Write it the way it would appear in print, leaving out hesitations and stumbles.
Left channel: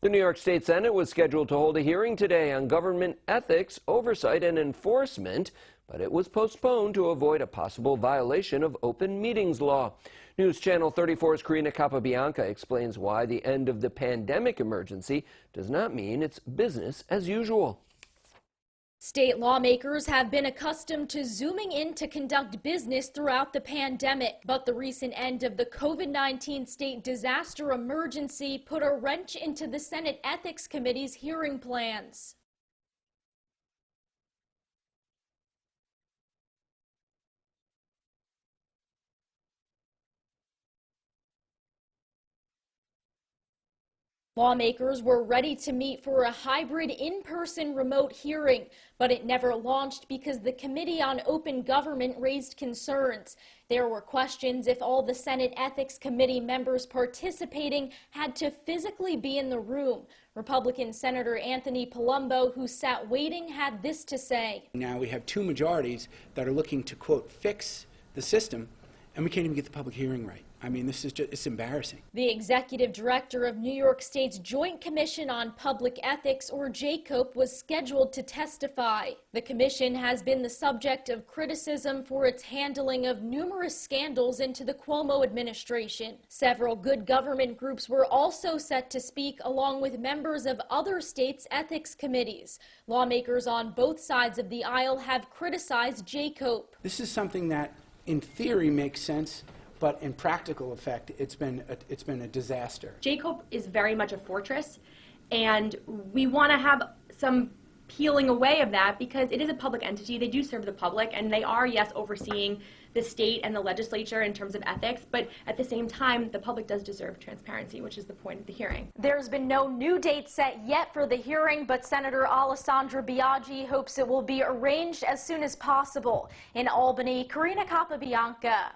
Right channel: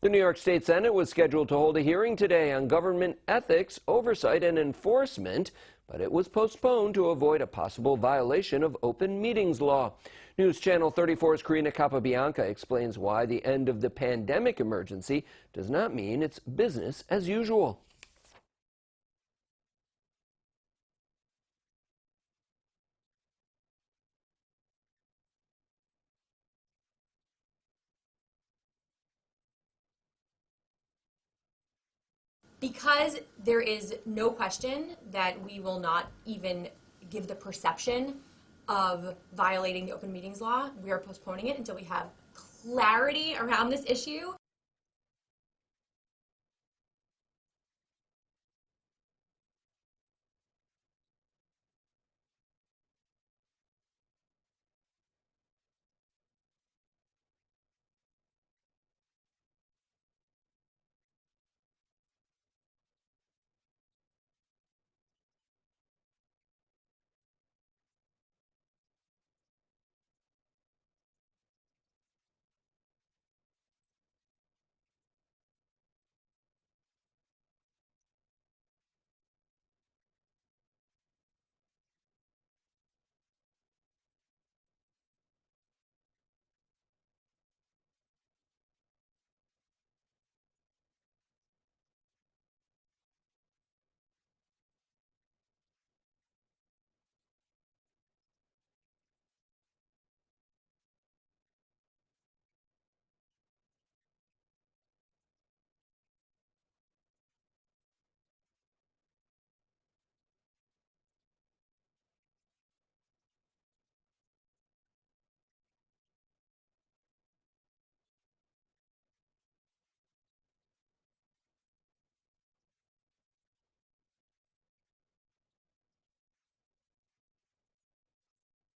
The New York State Senate was scheduled to hold a hearing today on government ethics, oversight, and enforcement, but it was postponed to avoid a possible violation of open meetings law. News Channel 34's Karina Capabianca explains why the end of the pandemic emergency does not mean it's business as usual. State lawmakers have been accustomed to zooming in to conduct business throughout the pandemic, but the recent end of the COVID-19 state disaster emergency put a wrench into the Senate Ethics Committee's hearing plans. Because there is no question that we will not even give the perception of violating the open meetings law, we are postponing it until we have clarity around this issue. Lawmakers were ready to meet for a hybrid in-person remote hearing, but it never launched because the Committee on Open Government raised concerns. There were questions if all the Senate Ethics Committee members participating had to physically be in the room. Republican Senator Anthony Palumbo, who sat waiting, had this to say. Now we have two majorities that are looking to, quote, fix the system, and we can't even get the public hearing right. I mean, this is just, it's embarrassing. The executive director of New York State's Joint Commission on Public Ethics, or JCOPE, was scheduled to testify. The commission has been the subject of criticism for its handling of numerous scandals into the Cuomo administration. Several good government groups were also set to speak, along with members of other states' ethics committees. Lawmakers on both sides of the aisle have criticized JCOPE. This is something that, in theory, makes sense, but in practical effect, it's been a disaster. JCOPE is very much a fortress, and we want to have some peeling away of that because it is a public entity. They do serve the public, and they are, yes, overseeing the state and the legislature in terms of ethics, but at the same time, the public does deserve transparency, which is the point of the hearing. There's been no new date set yet for the hearing, but Senator Alessandra Biaggi hopes it will be arranged as soon as possible. In Albany, Karina Capabianca.